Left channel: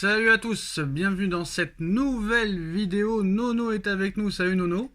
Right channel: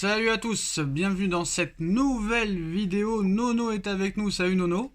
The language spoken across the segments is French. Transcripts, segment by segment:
Salut à tous, bienvenue dans cette nouvelle vidéo. Nono est avec nous, salut Nono.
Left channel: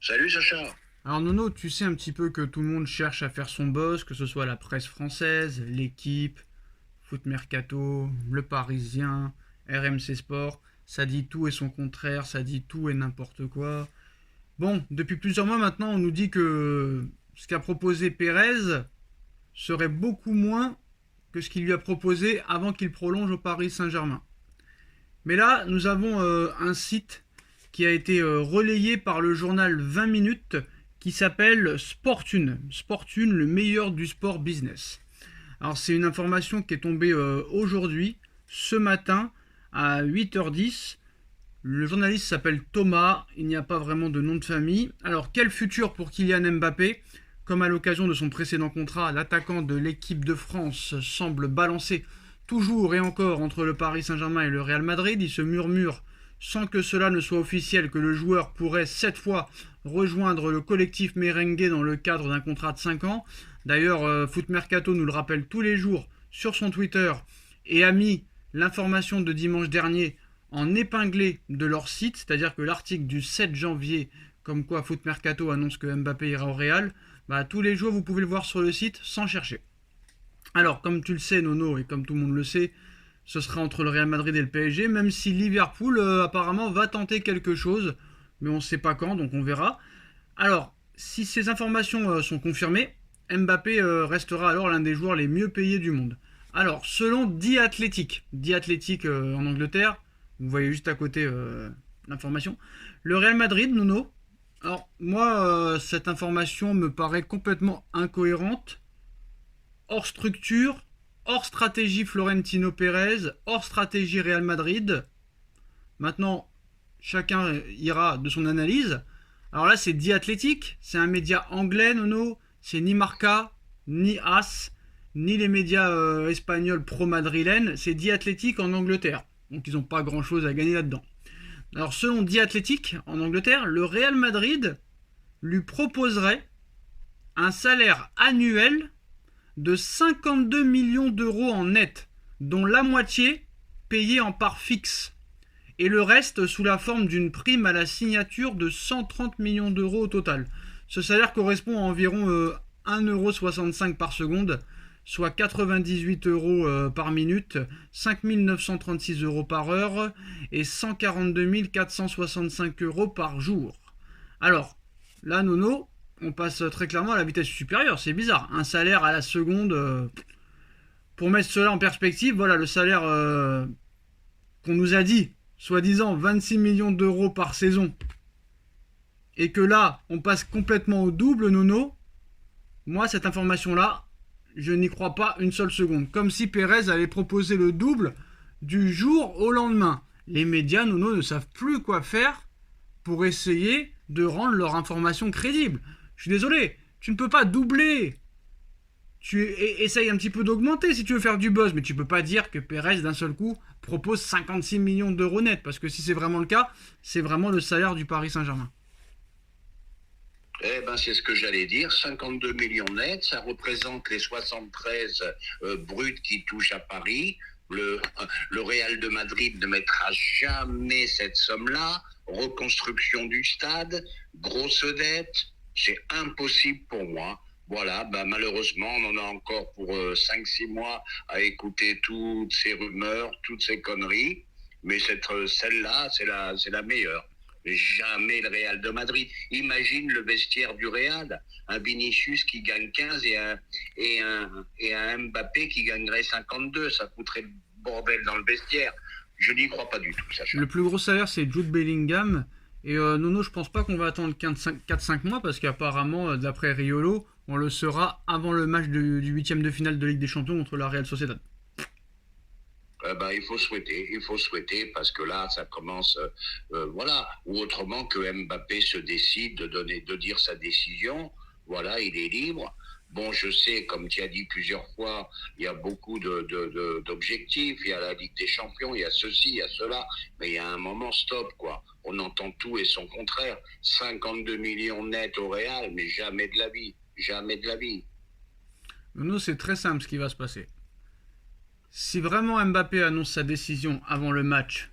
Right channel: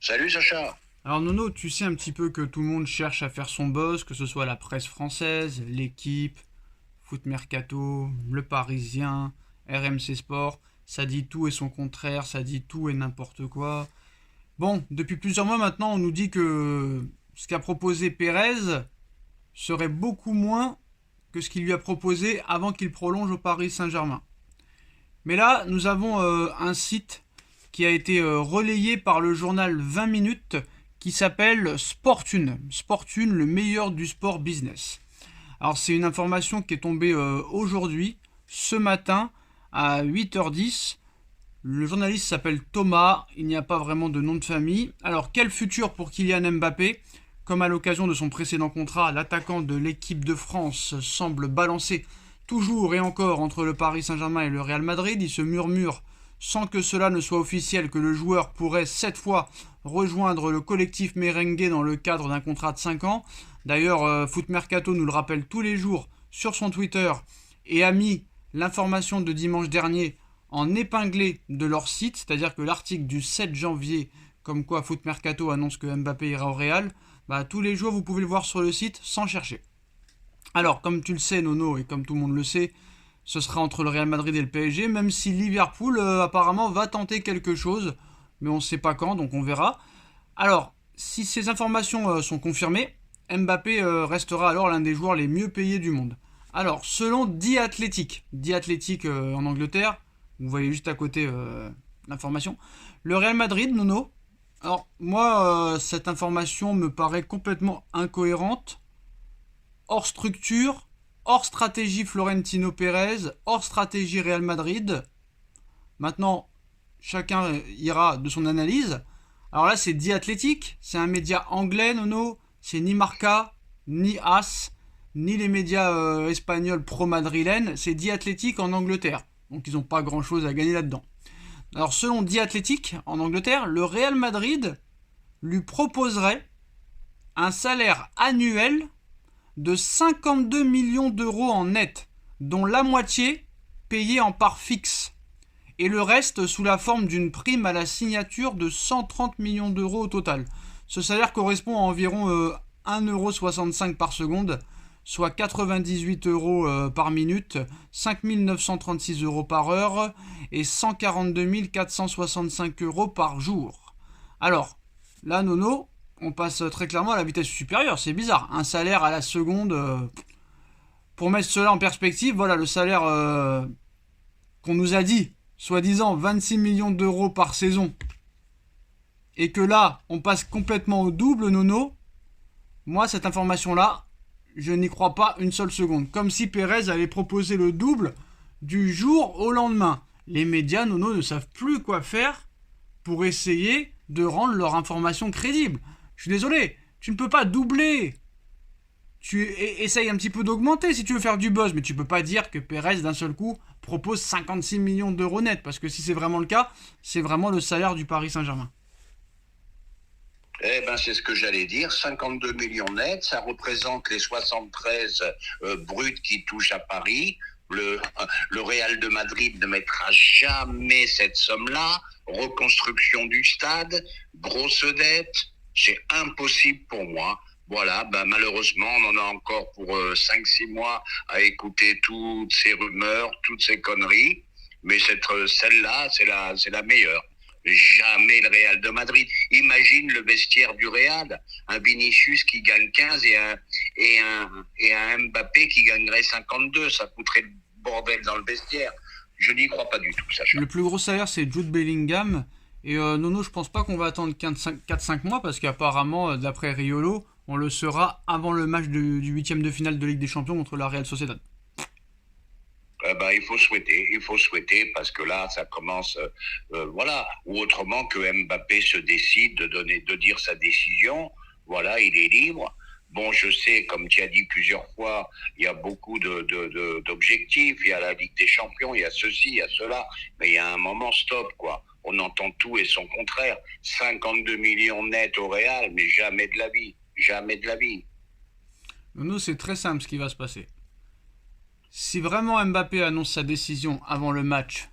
Salut Sacha. Alors Nono, tu sais un petit peu que tout le monde cherche à faire son buzz, que ce soit la presse française, l'équipe, Foot Mercato, Le Parisien, RMC Sport. Ça dit tout et son contraire, ça dit tout et n'importe quoi. Bon, depuis plusieurs mois maintenant, on nous dit que ce qu'a proposé Pérez serait beaucoup moins que ce qu'il lui a proposé avant qu'il prolonge au Paris Saint-Germain. Mais là, nous avons un site qui a été relayé par le journal 20 minutes qui s'appelle Sportune. Sportune, le meilleur du sport business. Alors c'est une information qui est tombée aujourd'hui, ce matin, à 8h10. Le journaliste s'appelle Thomas, il n'y a pas vraiment de nom de famille. Alors quel futur pour Kylian Mbappé? Comme à l'occasion de son précédent contrat, l'attaquant de l'équipe de France semble balancer toujours et encore entre le Paris Saint-Germain et le Real Madrid. Il se murmure, sans que cela ne soit officiel, que le joueur pourrait cette fois rejoindre le collectif merengue dans le cadre d'un contrat de 5 ans. D'ailleurs, Foot Mercato nous le rappelle tous les jours sur son Twitter et a mis l'information de dimanche dernier en épinglé de leur site, c'est-à-dire que l'article du 7 janvier, comme quoi Foot Mercato annonce que Mbappé ira au Real, tous les jours vous pouvez le voir sur le site sans chercher. Alors, comme tu le sais, Nono, et comme tout le monde le sait, ce sera entre le Real Madrid et le PSG, même si Liverpool apparemment va tenter quelque chose, mais on ne sait pas quand, donc on verra. Alors, si ces informations sont confirmées, Mbappé restera alors l'un des joueurs les mieux payés du monde. Alors, selon The Athletic en Angleterre, vous voyez juste à côté l'information, le Real Madrid, Nono, alors moi, cette information me paraît complètement incohérente, hors structure, hors stratégie Florentino Pérez, hors stratégie Real Madrid. Maintenant, chacun ira de son analyse. Alors là, c'est The Athletic, c'est un média anglais, Nono, c'est ni Marca, ni As, ni les médias espagnols pro-madrilènes, c'est The Athletic en Angleterre. Donc ils n'ont pas grand-chose à gagner là-dedans. Alors selon The Athletic en Angleterre, le Real Madrid lui proposerait un salaire annuel de 52 millions d'euros en net, dont la moitié payée en part fixe, et le reste sous la forme d'une prime à la signature de 130 millions d'euros au total. Ce salaire correspond à environ 1,65€ par seconde, soit 98 euros par minute, 5 936 euros par heure et 142 465 euros par jour. Alors, là, Nono, on passe très clairement à la vitesse supérieure, c'est bizarre. Un salaire à la seconde, pour mettre cela en perspective, voilà le salaire qu'on nous a dit, soi-disant 26 millions d'euros par saison, et que là, on passe complètement au double, Nono. Moi, cette information-là, je n'y crois pas une seule seconde. Comme si Pérez allait proposer le double du jour au lendemain. Les médias, Nono, ne savent plus quoi faire pour essayer de rendre leur information crédible. Je suis désolé, tu ne peux pas doubler. Tu essayes un petit peu d'augmenter si tu veux faire du buzz, mais tu peux pas dire que Pérez d'un seul coup propose 56 millions d'euros net, parce que si c'est vraiment le cas, c'est vraiment le salaire du Paris Saint-Germain. Eh ben, c'est ce que j'allais dire, 52 millions nets, ça représente les 73 bruts qui touchent à Paris. Le Real de Madrid ne mettra jamais cette somme-là. Reconstruction du stade, grosse dette, c'est impossible pour moi. Voilà, malheureusement, on en a encore pour 5-6 mois à écouter toutes ces rumeurs, toutes ces conneries. Mais celle-là, c'est la meilleure. Jamais le Real de Madrid. Imagine le vestiaire du Real, un Vinicius qui gagne 15 et un Mbappé qui gagnerait 52. Ça coûterait le bordel dans le vestiaire. Je n'y crois pas du tout, Sacha. Le plus gros salaire, c'est Jude Bellingham. Et Nono, je pense pas qu'on va attendre 4-5 mois, parce qu'apparemment, d'après Riolo, on le sera avant le match du 8e de finale de Ligue des Champions contre la Real Sociedad. Il faut souhaiter parce que là, ça commence, voilà. Ou autrement que Mbappé se décide de dire sa décision. Voilà, il est libre. Bon, je sais, comme tu as dit plusieurs fois, il y a beaucoup d'objectifs. Il y a la Ligue des Champions, il y a ceci, il y a cela. Mais il y a un moment, stop, quoi. On entend tout et son contraire. 52 millions nets au Real, mais jamais de la vie. Jamais de la vie. Nono, c'est très simple ce qui va se passer. Si vraiment Mbappé annonce sa décision avant le match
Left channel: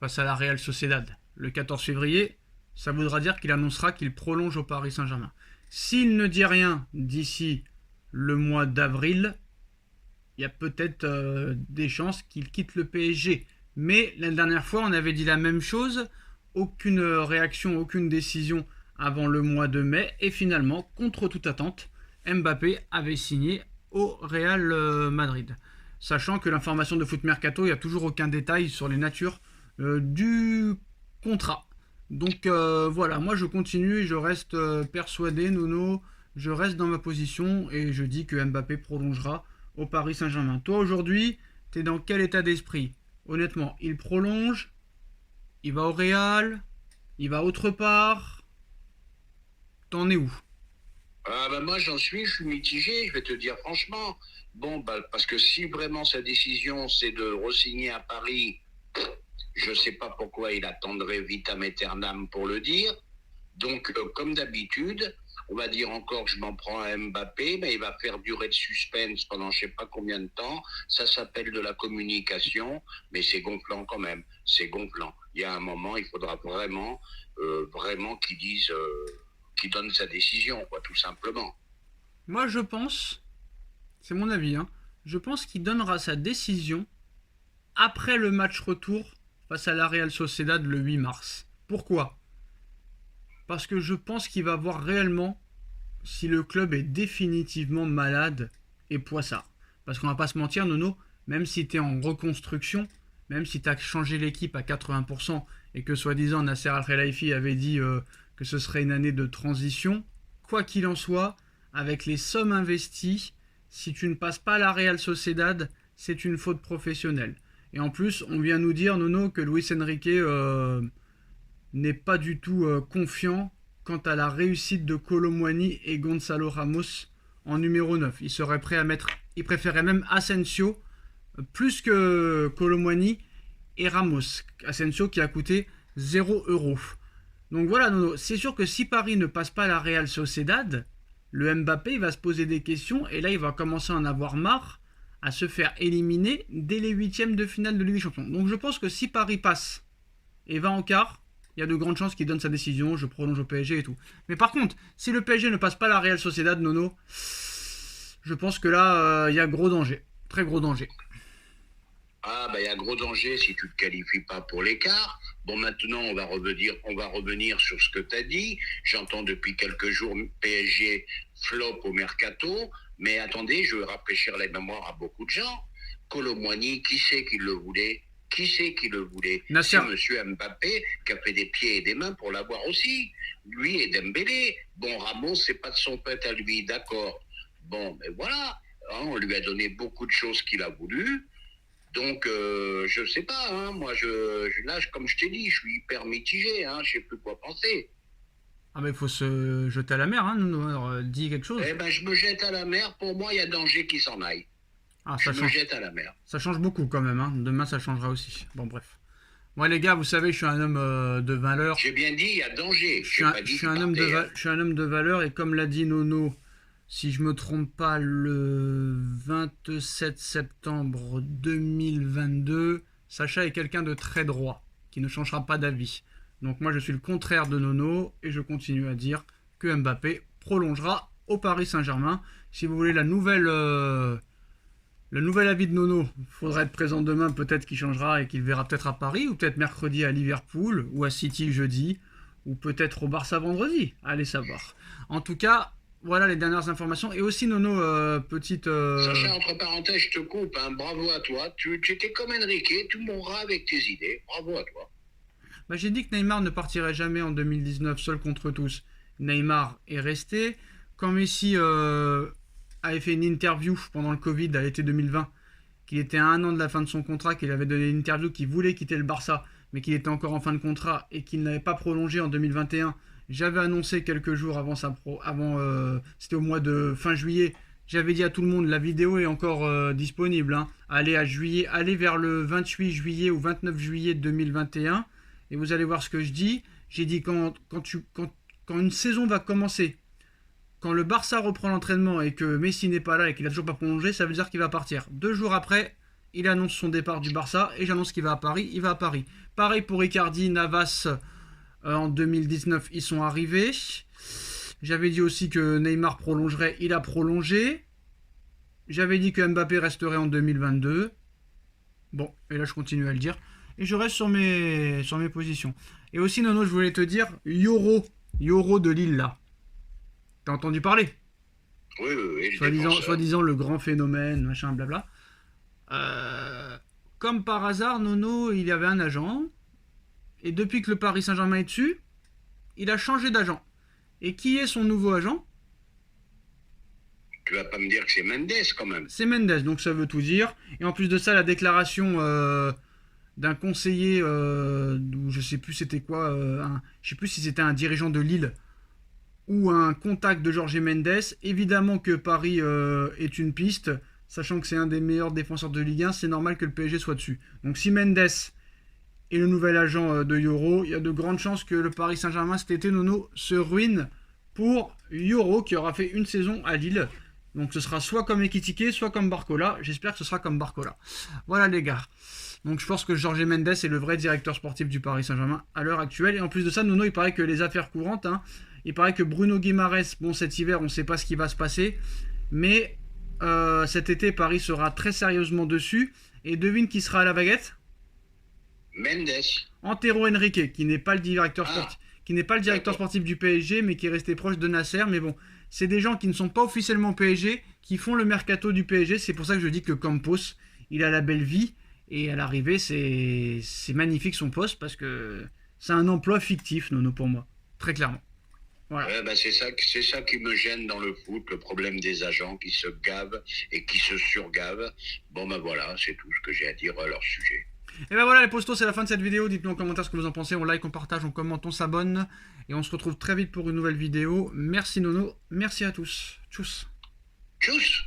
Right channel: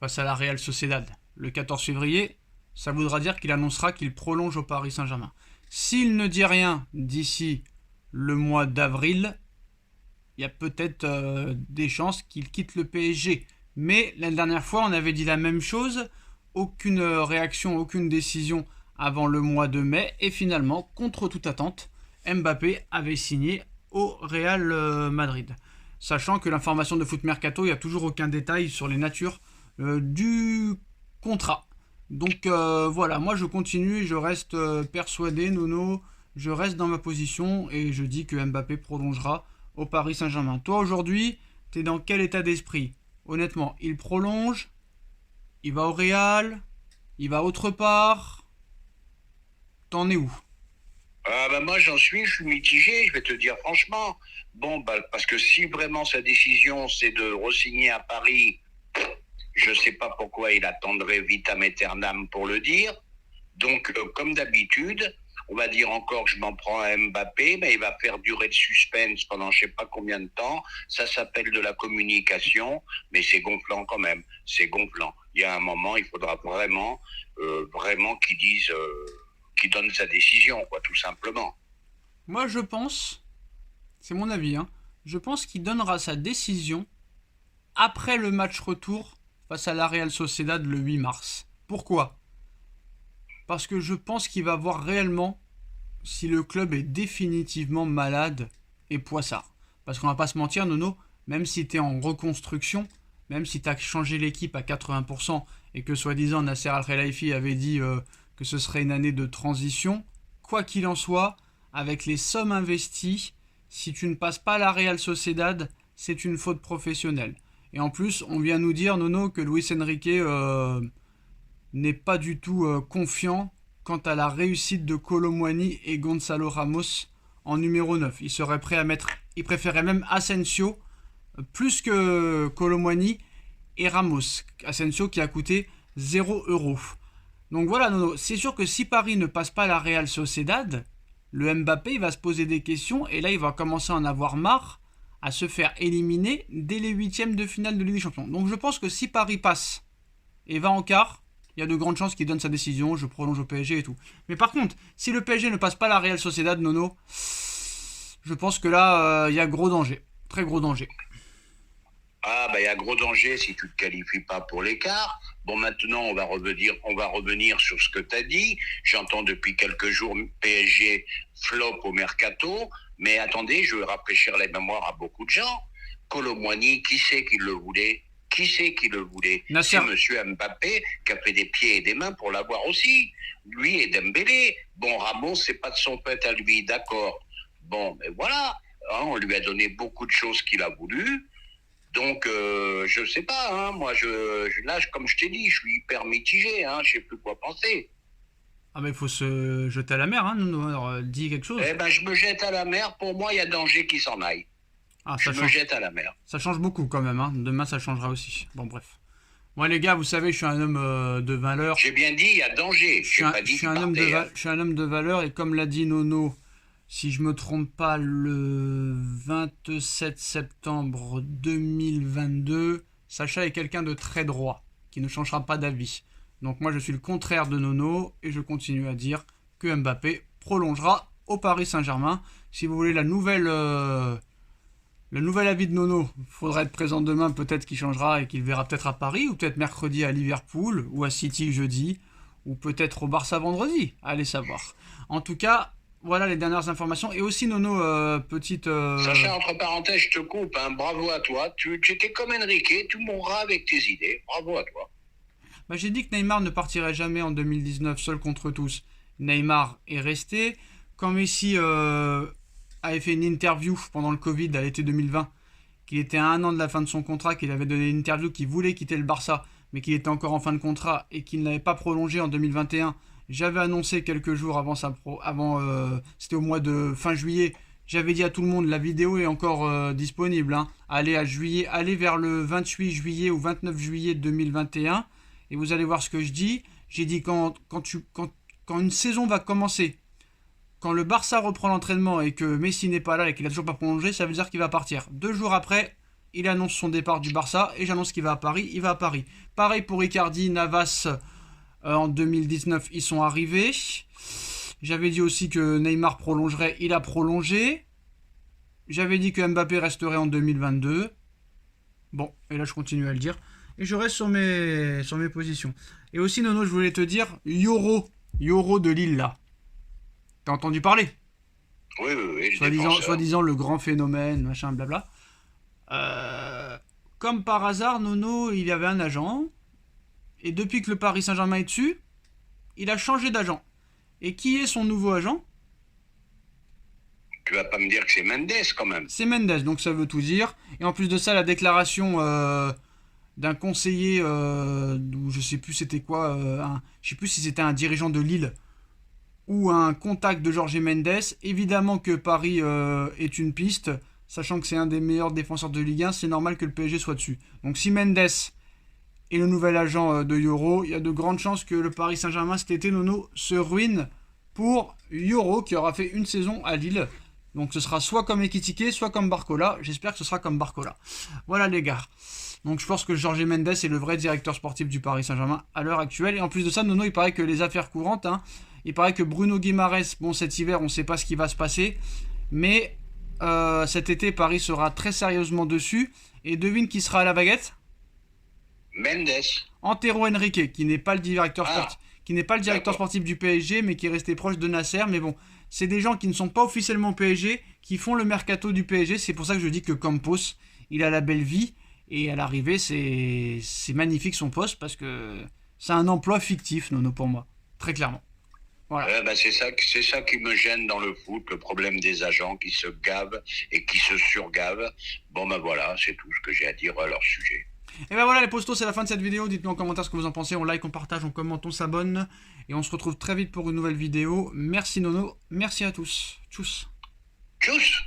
face à la Real Sociedad le 14 février, ça voudra dire qu'il annoncera qu'il prolonge au Paris Saint-Germain. S'il ne dit rien d'ici le mois d'avril, il y a peut-être des chances qu'il quitte le PSG. Mais la dernière fois, on avait dit la même chose. Aucune réaction, aucune décision avant le mois de mai. Et finalement, contre toute attente, Mbappé avait signé au Real Madrid. Sachant que l'information de Foot Mercato, il n'y a toujours aucun détail sur les natures du contrat. Donc voilà, moi je continue et je reste persuadé, Nono. Je reste dans ma position et je dis que Mbappé prolongera au Paris Saint-Germain. Toi aujourd'hui, t'es dans quel état d'esprit? Honnêtement, il prolonge, il va au Real, il va autre part. T'en es où? Ah bah moi je suis mitigé, je vais te dire franchement. Bon, bah, parce que si vraiment sa décision c'est de re-signer à Paris, je ne sais pas pourquoi il attendrait vitam aeternam pour le dire. Donc, comme d'habitude, on va dire encore que je m'en prends à Mbappé, mais il va faire durer le suspense pendant je ne sais pas combien de temps. Ça s'appelle de la communication, mais c'est gonflant quand même. C'est gonflant. Il y a un moment, il faudra vraiment qu'il dise, qu'il donne sa décision, quoi, tout simplement. Moi je pense, c'est mon avis, je pense qu'il donnera sa décision après le match retour face à la Real Sociedad le 8 mars. Pourquoi? Parce que je pense qu'il va voir réellement si le club est définitivement malade et poissard. Parce qu'on va pas se mentir, Nono, même si tu es en reconstruction, même si tu as changé l'équipe à 80% et que soi-disant Nasser Al-Khelaifi avait dit que ce serait une année de transition, quoi qu'il en soit, avec les sommes investies, si tu ne passes pas la Real Sociedad, c'est une faute professionnelle. Et en plus, on vient nous dire, Nono, que Luis Enrique n'est pas du tout confiant quant à la réussite de Kolo Muani et Gonzalo Ramos en numéro 9. Il serait prêt à mettre, il préférait même Asensio plus que Kolo Muani et Ramos. Asensio qui a coûté 0 €. Donc voilà, Nono, c'est sûr que si Paris ne passe pas la Real Sociedad, le Mbappé il va se poser des questions et là il va commencer à en avoir marre à se faire éliminer dès les huitièmes de finale de Ligue des Champions. Donc je pense que si Paris passe et va en quart, il y a de grandes chances qu'il donne sa décision, je prolonge au PSG et tout. Mais par contre, si le PSG ne passe pas la Real Sociedad, Nono, je pense que là, il y a gros danger. Très gros danger. Ah, bah, il y a gros danger si tu ne te qualifies pas pour l'écart. Bon, maintenant, on va revenir sur ce que tu as dit. J'entends depuis quelques jours PSG flop au mercato. Mais attendez, je vais rafraîchir les mémoires à beaucoup de gens. Kolo Muani, qui c'est qui le voulait? Qui c'est qui le voulait? Nasser. C'est monsieur Mbappé qui a fait des pieds et des mains pour l'avoir aussi. Lui et Dembélé. Bon, Ramos, c'est pas de son fait à lui, d'accord. Bon, mais voilà. On lui a donné beaucoup de choses qu'il a voulu. Donc, je sais pas, moi, là, comme je t'ai dit, je suis hyper mitigé, je sais plus quoi penser. Ah mais il faut se jeter à la mer, Nono. Alors, dis quelque chose. Eh ben, je me jette à la mer, pour moi, il y a danger qu'il s'en aille. Ah, je me jette à la mer. Ça change beaucoup quand même, Demain, ça changera aussi. Bon, bref. Moi, les gars, vous savez, je suis un homme de valeur. J'ai bien dit, il y a danger. Je suis un homme de valeur et comme l'a dit Nono, si je me trompe pas, le 27 septembre 2022, Sacha est quelqu'un de très droit, qui ne changera pas d'avis. Donc moi je suis le contraire de Nono et je continue à dire que Mbappé prolongera au Paris Saint-Germain. Si vous voulez le nouvel avis de Nono, il faudra être présent demain, peut-être qu'il changera et qu'il verra peut-être à Paris, ou peut-être mercredi à Liverpool, ou à City jeudi, ou peut-être au Barça vendredi, allez savoir. En tout cas, voilà les dernières informations. Et aussi, Nono, petite... Sacha, entre parenthèses, je te coupe, bravo à toi. Tu étais comme Enrique, tu mourras avec tes idées. Bravo à toi. Bah, j'ai dit que Neymar ne partirait jamais en 2019 seul contre tous. Neymar est resté. Quand Messi avait fait une interview pendant le Covid à l'été 2020, qu'il était à 1 an de la fin de son contrat, qu'il avait donné une interview qu'il voulait quitter le Barça, mais qu'il était encore en fin de contrat et qu'il n'avait pas prolongé en 2021, j'avais annoncé quelques jours avant c'était au mois de fin juillet, j'avais dit à tout le monde, la vidéo est encore disponible, allez vers le 28 juillet ou 29 juillet 2021, et vous allez voir ce que je dis. J'ai dit quand une saison va commencer, quand le Barça reprend l'entraînement et que Messi n'est pas là et qu'il n'a toujours pas prolongé, ça veut dire qu'il va partir. 2 jours après, il annonce son départ du Barça et j'annonce qu'il va à Paris, il va à Paris. Pareil pour Icardi, Navas, en 2019, ils sont arrivés. J'avais dit aussi que Neymar prolongerait, il a prolongé. J'avais dit que Mbappé resterait en 2022. Bon, et là je continue à le dire. Et je reste sur mes positions. Et aussi, Nono, je voulais te dire, Yoro de Lille, là. T'as entendu parler? Oui, Soi-disant le grand phénomène, machin, blabla. Comme par hasard, Nono, il y avait un agent. Et depuis que le Paris Saint-Germain est dessus, il a changé d'agent. Et qui est son nouveau agent? Tu vas pas me dire que c'est Mendes quand même. C'est Mendes, donc ça veut tout dire. Et en plus de ça, la déclaration d'un conseiller, je sais plus c'était quoi, je sais plus si c'était un dirigeant de Lille ou un contact de Jorge Mendes. Évidemment que Paris est une piste, sachant que c'est un des meilleurs défenseurs de Ligue 1, c'est normal que le PSG soit dessus. Donc si Mendes est le nouvel agent de Yoro, il y a de grandes chances que le Paris Saint-Germain cet été, Nono, se ruine pour Yoro qui aura fait une saison à Lille. Donc ce sera soit comme Ekitike, soit comme Barcola. J'espère que ce sera comme Barcola. Voilà les gars. Donc je pense que Jorge Mendes est le vrai directeur sportif du Paris Saint-Germain à l'heure actuelle. Et en plus de ça, Nono, il paraît que les affaires courantes, il paraît que Bruno Guimaraes, bon cet hiver, on ne sait pas ce qui va se passer. Mais cet été, Paris sera très sérieusement dessus. Et devine qui sera à la baguette? Mendes. Antero Henrique, qui n'est pas le directeur sportif. Qui n'est pas le directeur sportif du PSG, mais qui est resté proche de Nasser. Mais bon, c'est des gens qui ne sont pas officiellement PSG, qui font le mercato du PSG. C'est pour ça que je dis que Campos, il a la belle vie. Et à l'arrivée, c'est magnifique son poste, parce que c'est un emploi fictif, Nono, pour moi. Très clairement. Voilà. C'est ça qui me gêne dans le foot, le problème des agents qui se gavent et qui se surgavent. Bon voilà, c'est tout ce que j'ai à dire à leur sujet. Et ben voilà les postos, c'est la fin de cette vidéo. Dites-nous en commentaire ce que vous en pensez. On like, on partage, on commente, on s'abonne. Et on se retrouve très vite pour une nouvelle vidéo. Merci Nono, merci à tous. Tchuss. Tchuss.